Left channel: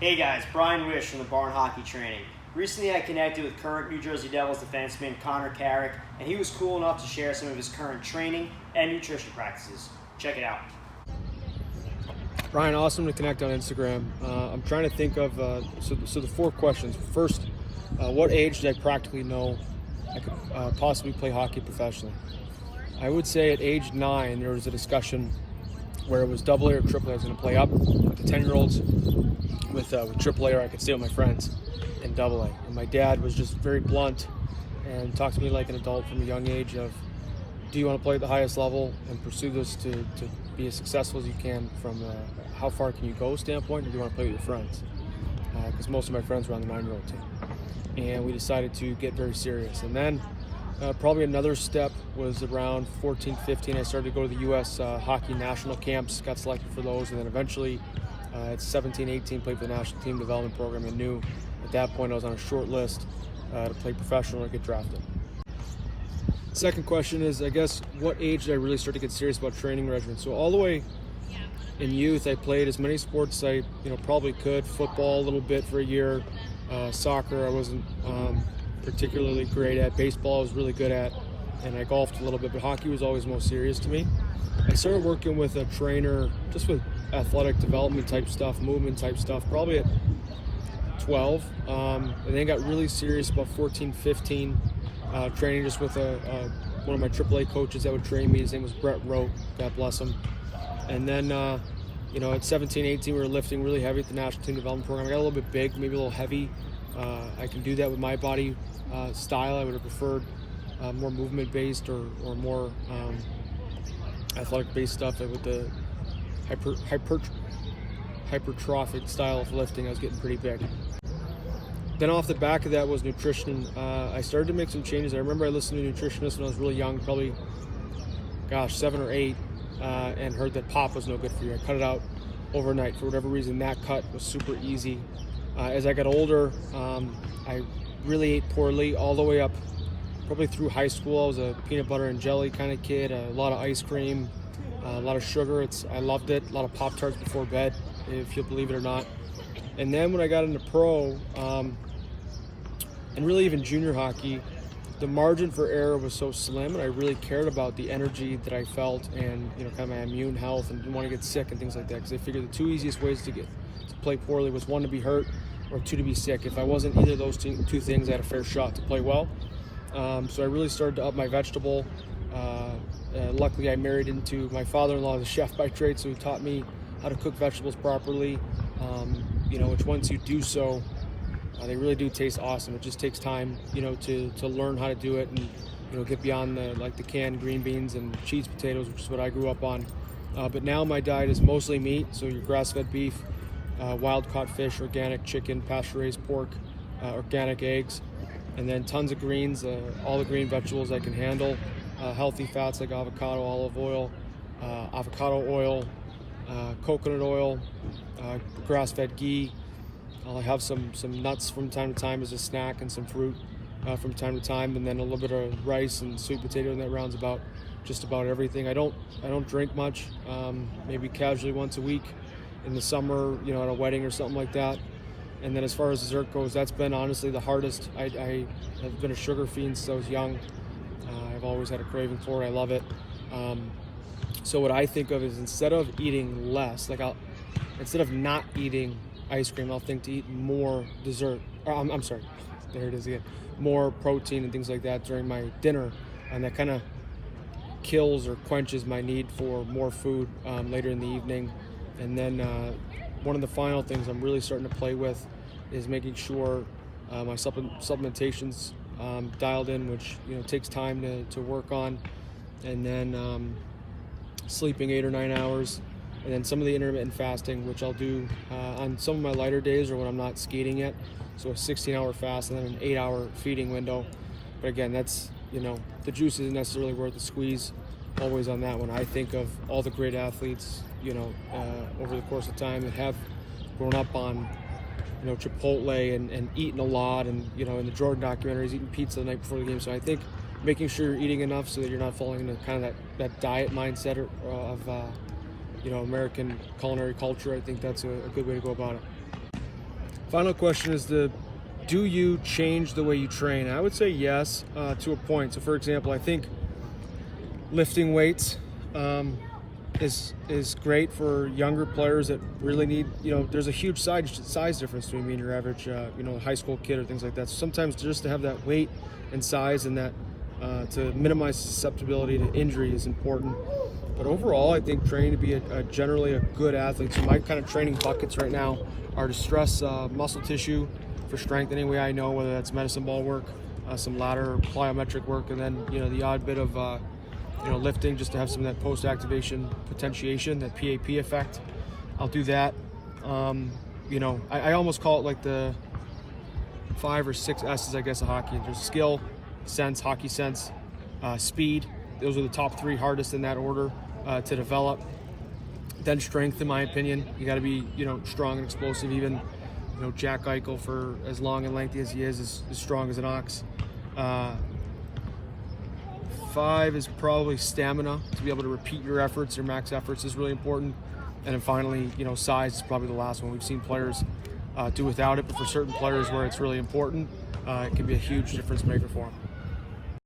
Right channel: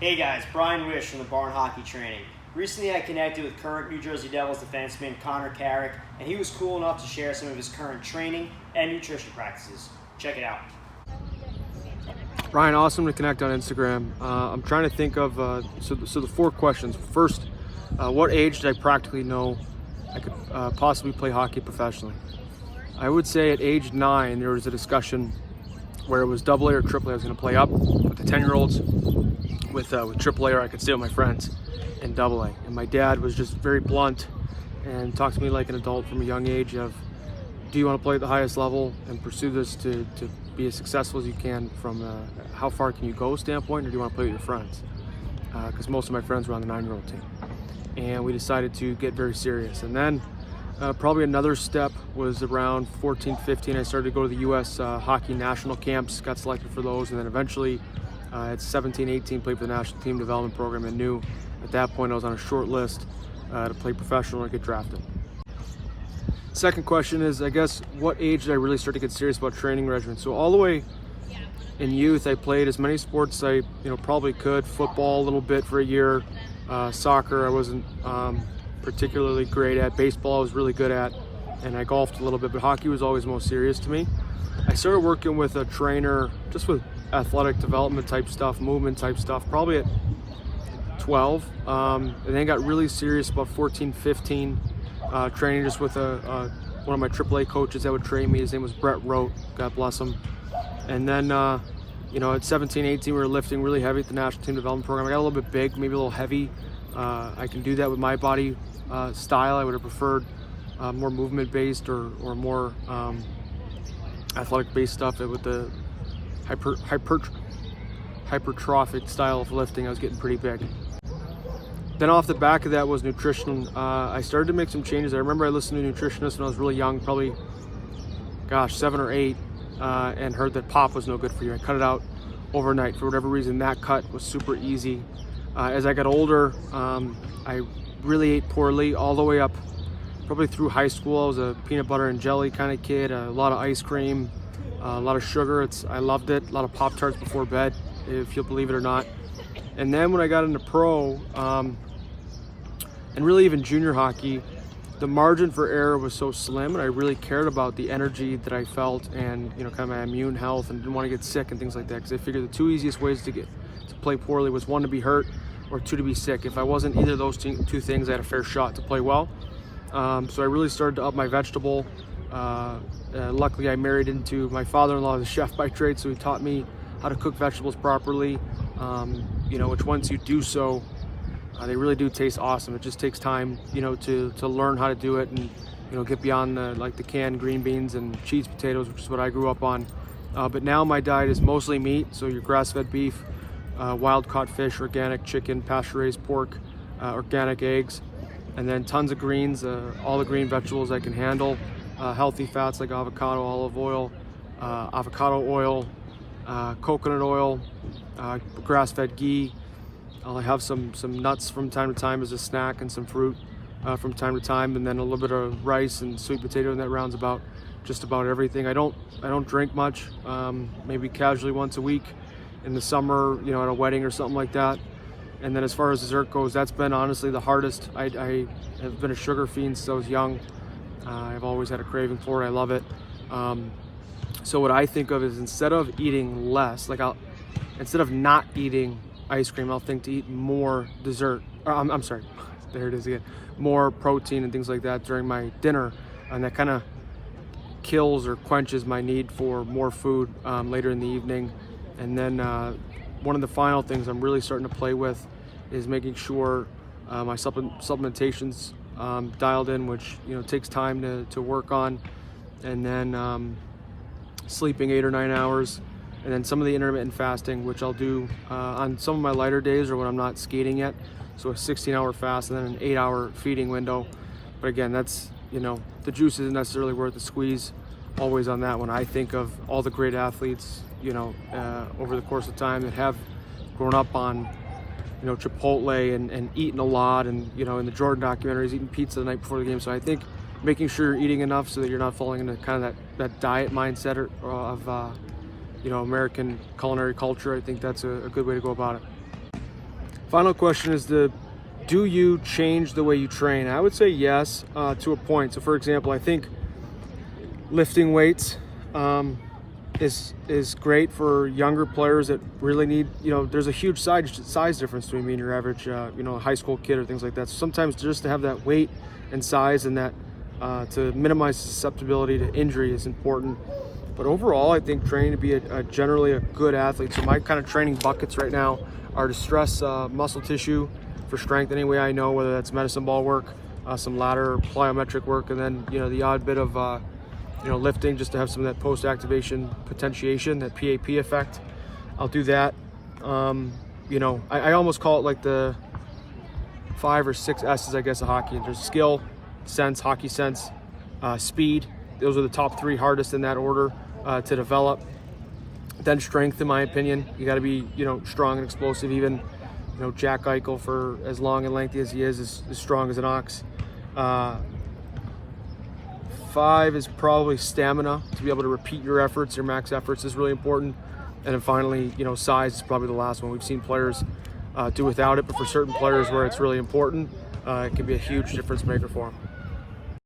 Hey guys, Brian Wish from the Barn Hockey Training. Recently I connected with current New Jersey Devils defenseman Connor Carrick, and he was cool enough to share some of his current training and nutrition practices. Check it out. Ryan, awesome to connect on Instagram. I'm trying to think of, so the four questions. First, what age did I practically know I could possibly play hockey professionally? I would say at age 9, there was a discussion where it was AA or AAA. I was going to play up with the 10-year-olds. With AAA, or I could stay with my friends in AA. And my dad was just very blunt and talked to me like an adult from a young age of, do you want to play at the highest level and pursue this to be as successful as you can from how far can you go standpoint, or do you want to play with your friends? Because most of my friends were on the 9-year-old team. And we decided to get very serious. And then probably another step was around 14, 15. I started to go to the U.S. hockey national camps, got selected for those, and then eventually at 17, 18, played for the national team development program, and knew at that point I was on a short list to play professional or get drafted. Second question is, I guess, what age did I really start to get serious about training regimen? So all the way in youth, I played as many sports as I probably could. Football a little bit for a year, soccer I wasn't particularly great at. Baseball I was really good at, and I golfed a little bit, but hockey was always most serious to me. I started working with a trainer just with athletic development type stuff, movement type stuff, probably at 12, and then got really serious about 14, 15, training just with one of my AAA coaches that would train me. His name was Brett Rote, God bless him. And then, at 17, 18, we were lifting really heavy at the national team development program. I got a little bit big, maybe a little heavy. I can do that with my body style. I would have preferred more movement-based or more athletic-based stuff with the hypertrophic style of lifting. I was getting pretty big. Then off the back of that was nutrition. I started to make some changes. I remember I listened to nutritionists when I was really young, probably, 7 or 8, and heard that pop was no good for you. I cut it out overnight. For whatever reason, that cut was super easy. As I got older, I really ate poorly all the way up, probably through high school. I was a peanut butter and jelly kind of kid, a lot of ice cream, a lot of sugar. I loved it. A lot of Pop-Tarts before bed, if you'll believe it or not. And then when I got into pro, and really even junior hockey, the margin for error was so slim, and I really cared about the energy that I felt and kind of my immune health, and didn't want to get sick and things like that, because I figured the two easiest ways to play poorly was 1, to be hurt, or 2, to be sick. If I wasn't either of those two things, I had a fair shot to play well. So I really started to up my vegetable. Luckily, I married into my father-in-law, the chef by trade, so he taught me how to cook vegetables properly, which once you do so, they really do taste awesome. It just takes time, to learn how to do it and, get beyond the canned green beans and cheese potatoes, which is what I grew up on. But now my diet is mostly meat, so your grass-fed beef, wild-caught fish, organic chicken, pasture-raised pork, organic eggs, and then tons of greens, all the green vegetables I can handle, healthy fats like avocado, olive oil, coconut oil, grass-fed ghee. I'll have some nuts from time to time as a snack, and some fruit from time to time, and then a little bit of rice and sweet potato, and that rounds about just about everything. I don't drink much, maybe casually once a week in the summer, at a wedding or something like that. And then as far as dessert goes, that's been honestly the hardest. I have been a sugar fiend since I was young. I've always had a craving for it. I love it. So what I think of is, instead of eating less, instead of not eating ice cream, I'll think to eat more dessert. I'm sorry, there it is again. More protein and things like that during my dinner, and that kind of kills or quenches my need for more food later in the evening. And then one of the final things I'm really starting to play with is making sure my supplementation's dialed in, which takes time to work on, and then sleeping 8 or 9 hours, and then some of the intermittent fasting, which I'll do on some of my lighter days or when I'm not skating yet. So a 16-hour fast and then an 8-hour feeding window. But again, that's the juice isn't necessarily worth the squeeze always on that one. I think of all the great athletes over the course of time that have grown up on Chipotle and eaten a lot, and in the Jordan documentaries, eating pizza the night before the game. So I think making sure you're eating enough so that you're not falling into kind of that diet mindset of American culinary culture, I think that's a good way to go about it. Final question is do you change the way you train? I would say yes, to a point. So for example, I think lifting weights is great for younger players that really need, there's a huge size difference between me and your average, high school kid or things like that. So sometimes just to have that weight and size and that to minimize susceptibility to injury is important. But overall, I think training to be generally a good athlete. So my kind of training buckets right now are to stress muscle tissue for strength any way I know, whether that's medicine ball work, some ladder or plyometric work, and then the odd bit of lifting just to have some of that post-activation potentiation, that PAP effect. I'll do that. I almost call it like the 5 or 6 S's, I guess, of hockey. There's skill, sense, hockey sense, speed. Those are the top 3 hardest in that order to develop. Then strength, in my opinion. You got to be, strong and explosive. Even, Jack Eichel, for as long and lengthy as he is strong as an ox. 5 is probably stamina. To be able to repeat your efforts, your max efforts is really important. And then finally, size is probably the last one. We've seen players do without it, but for certain players where it's really important, it can be a huge difference maker for them.